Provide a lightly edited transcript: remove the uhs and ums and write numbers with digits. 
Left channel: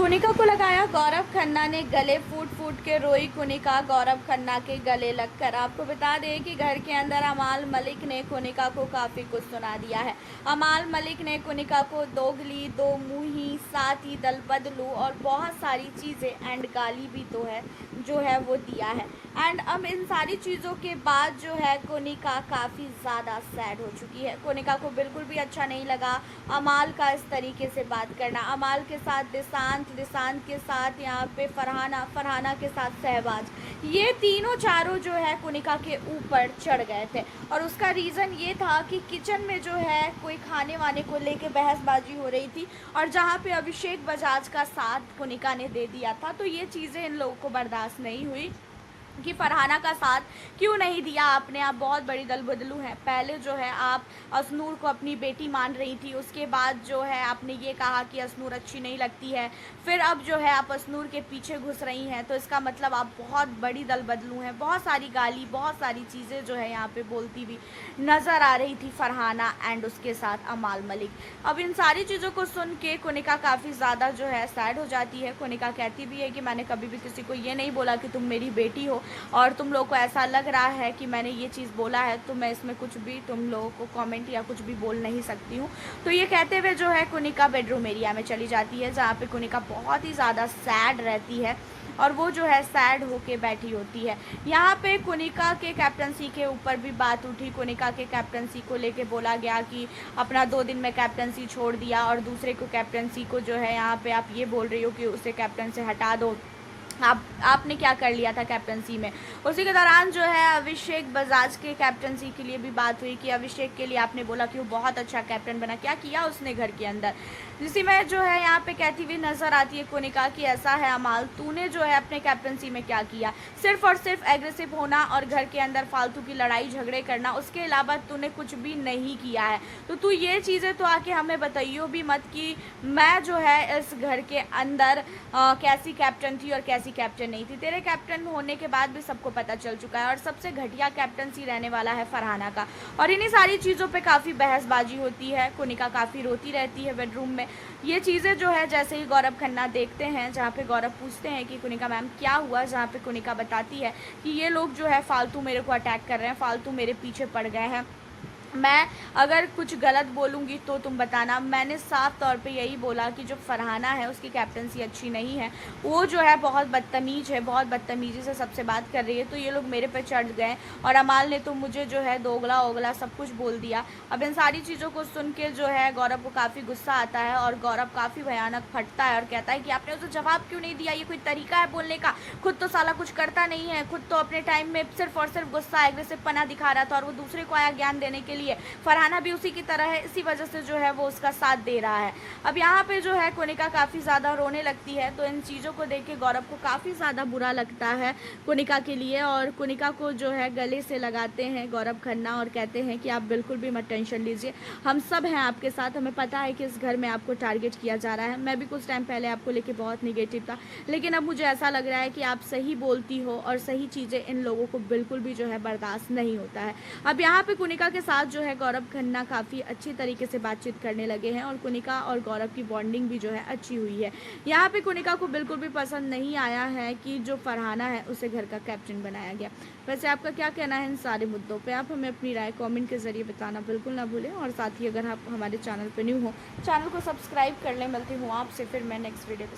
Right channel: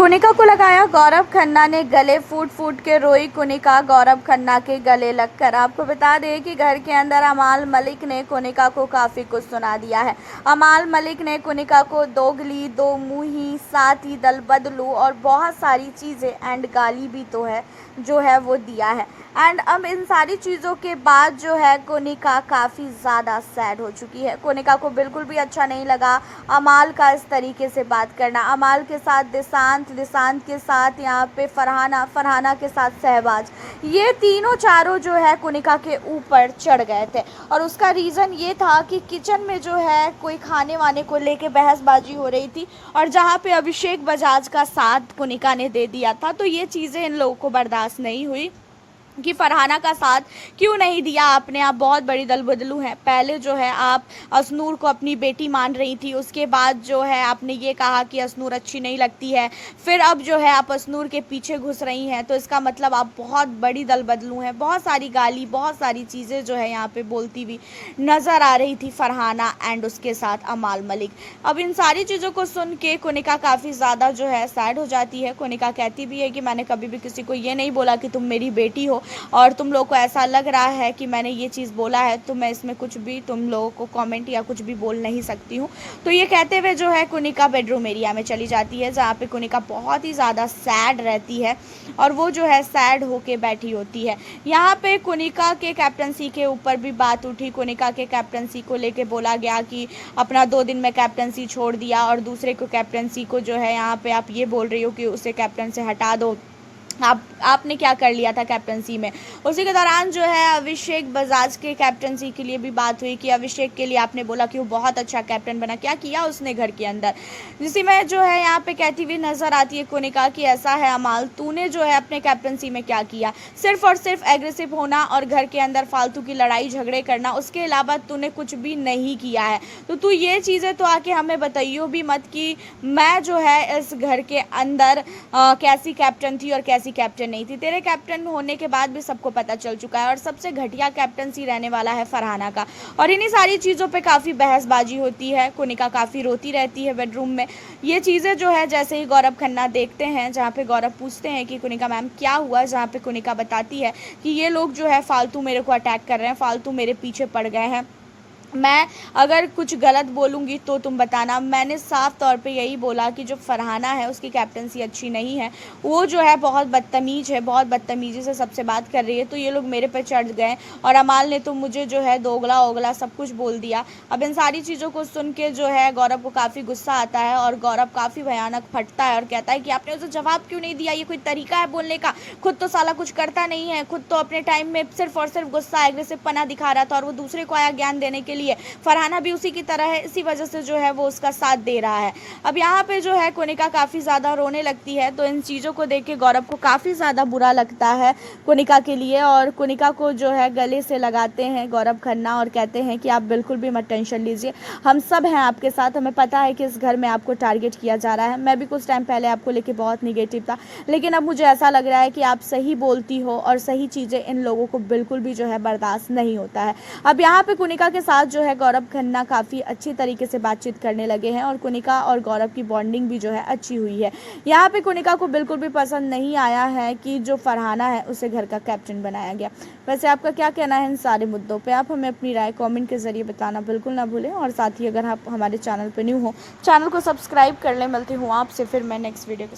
कोनिका को लगाया गौरव खन्ना ने गले, फूट फूट के रोई कोनिका गौरव खन्ना के गले लगकर। आपको बता दें कि घर के अंदर अमाल मलिक ने कोनिका को काफ़ी कुछ सुना दिया है। अमाल मलिक ने कोनिका को दोगली, दो मुंही, साथ ही दल बदलू और बहुत सारी चीज़ें एंड गाली भी तो है जो है वो दिया है। एंड अब इन सारी चीज़ों के बाद जो है कोनिका काफ़ी ज़्यादा सैड हो चुकी है। कोनिका को बिल्कुल भी अच्छा नहीं लगा अमाल का इस तरीके से बात करना। अमाल के साथ दिशांत, दिशांत के साथ यहाँ पे फरहाना, फरहाना के साथ शहबाज, ये तीनों चारों जो है कोनिका के ऊपर चढ़ गए थे। और उसका रीज़न ये था कि किचन में जो है कोई खाने वाने को लेके बहसबाजी हो रही थी और जहाँ पे अभिषेक बजाज का साथ कोनिका ने दे दिया था। तो ये चीज़ें इन लोगों को बर्दाश्त नहीं हुई कि फरहाना का साथ क्यों नहीं दिया आपने, आप बहुत बड़ी दल बदलू हैं। पहले जो है आप असनूर को अपनी बेटी मान रही थी, उसके बाद जो है आपने ये कहा कि असनूर अच्छी नहीं लगती है, फिर अब जो है आप असनूर के पीछे घुस रही हैं। तो इसका मतलब आप बहुत बड़ी दल बदलू हैं। बहुत सारी गाली, बहुत सारी चीज़ें जो है यहाँ पे बोलती हुई नज़र आ रही थी फरहाना एंड उसके साथ अमाल मलिक। अब इन सारी चीज़ों को सुन के कोनिका काफ़ी ज़्यादा जो है सैड हो जाती है। कोनिका कहती भी है कि मैंने कभी भी किसी को ये नहीं बोला कि तुम मेरी बेटी हो और तुम लोग को ऐसा लग रहा है कि मैंने ये चीज़ बोला है तो मैं इसमें कुछ भी तुम लोगों को कमेंट या कुछ भी बोल नहीं सकती हूँ। तो ये कहते हुए जो है कोनिका बेडरूम एरिया में चली जाती है, जहाँ पे कोनिका बहुत ही ज़्यादा सैड रहती है और वो जो है सैड होके बैठी होती है। यहाँ पे कोनिका के कैप्टनसी के ऊपर भी बात उठी। कोनिका के कैप्टनसी को लेके बोला गया कि अपना 2 दिन में कैप्टनसी छोड़ दिया और दूसरे को कैप्टनसी को जो है यहाँ पे आप ये बोल रही हो कि उसे कैप्टन से हटा दो, आपने क्या कर लिया था कैप्टनसी में। उसी के दौरान जो है अभिषेक बजाज के कैप्टनसी के लिए भी बात हुई कि अभिषेक के लिए आपने बोला कि वो बहुत अच्छा कैप्टन बना, क्या किया उसने घर के अंदर। जिसी में जो है यहाँ पे कहती हुई नज़र आती है कोनिका कि ऐसा है अमाल, तूने जो है अपने कैप्टनसी में क्या किया, सिर्फ और सिर्फ एग्रेसिव होना और घर के अंदर फालतू की लड़ाई झगड़े करना, उसके अलावा तूने कुछ भी नहीं किया है। तो तू ये चीज़ें तो आके हमें बताइयो भी मत कि मैं जो है इस घर के अंदर कैसी कैप्टन थी और कैसी कैप्टन नहीं थी। तेरे कैप्टन होने के बाद भी सबको पता चल चुका है और सबसे घटिया कैप्टनसी रहने वाला है फरहाना का। और इन्हीं सारी चीज़ों पे काफ़ी बहसबाजी होती है। कोनिका काफ़ी रोती रहती है बेडरूम में। ये चीज़ें जो है जैसे ही गौरव खन्ना देखते हैं, जहाँ पे गौरव पूछते हैं कि कोनिका मैम क्या हुआ, जहाँ पे कोनिका बताती है कि ये लोग जो है फालतू मेरे को अटैक कर रहे हैं, फालतू मेरे पीछे पड़ गए हैं, मैं अगर कुछ गलत बोलूँगी तो तुम बताना। मैंने साफ तौर पे यही बोला कि जो फरहाना है उसकी कैप्टनसी अच्छी नहीं है, वो जो है बहुत बदतमीज़ है, बहुत बदतमीज़ी से सबसे बात कर रही है। तो ये लोग मेरे पे चढ़ गए और अमाल ने तो मुझे जो है दोगला ओगला सब कुछ बोल दिया। अब इन सारी चीज़ों को सुन के जो है गौरव को काफ़ी गुस्सा आता है और गौरव काफ़ी भयानक फटता है और कहता है कि आपने उसे जवाब क्यों नहीं दिया, ये कोई तरीका है बोलने का, खुद तो साला कुछ करता नहीं है, खुद तो अपने टाइम में सिर्फ और सिर्फ गुस्सा एग्रेसिव पना दिखा रहा था और वो दूसरे को आया ज्ञान देने के लिए। फरहाना भी उसी की तरह है, इसी वजह से जो है वो उसका साथ दे रहा है। अब यहाँ पे जो है कोनिका काफ़ी ज़्यादा रोने लगती है। तो इन चीज़ों को देख के गौरव को काफ़ी ज़्यादा बुरा लगता है कोनिका के लिए और कोनिका को जो है गले से लगाते हैं गौरव खन्ना और कहते हैं कि आप बिल्कुल भी मत टेंशन लीजिए, हम सब हैं आपके साथ। हमें पता है कि इस घर में आपको टारगेट किया जा रहा है। मैं भी कुछ टाइम पहले आपको लेके बहुत निगेटिव था, लेकिन अब मुझे ऐसा लग रहा है कि आप सही बोलती हो और सही चीज़ें इन लोगों को बिल्कुल भी जो है बर्दाश्त नहीं होता है। अब यहाँ पे कोनिका के साथ जो है गौरव खन्ना काफ़ी अच्छी तरीके से बातचीत करने लगे हैं और कोनिका और गौरव की बॉन्डिंग भी जो है अच्छी हुई है। यहाँ पे कोनिका को बिल्कुल भी पसंद नहीं आया है कि जो फरहाना है उसे घर का कैप्टन बनाया गया। वैसे आपका क्या कहना है इन सारे मुद्दों पे? आप हमें अपनी राय कमेंट के ज़रिए बताना बिल्कुल ना भूलें और साथ ही अगर आप हमारे चैनल पर न्यू हो, चैनल को सब्सक्राइब कर लें। मिलती हूँ आपसे फिर मैं नेक्स्ट वीडियो के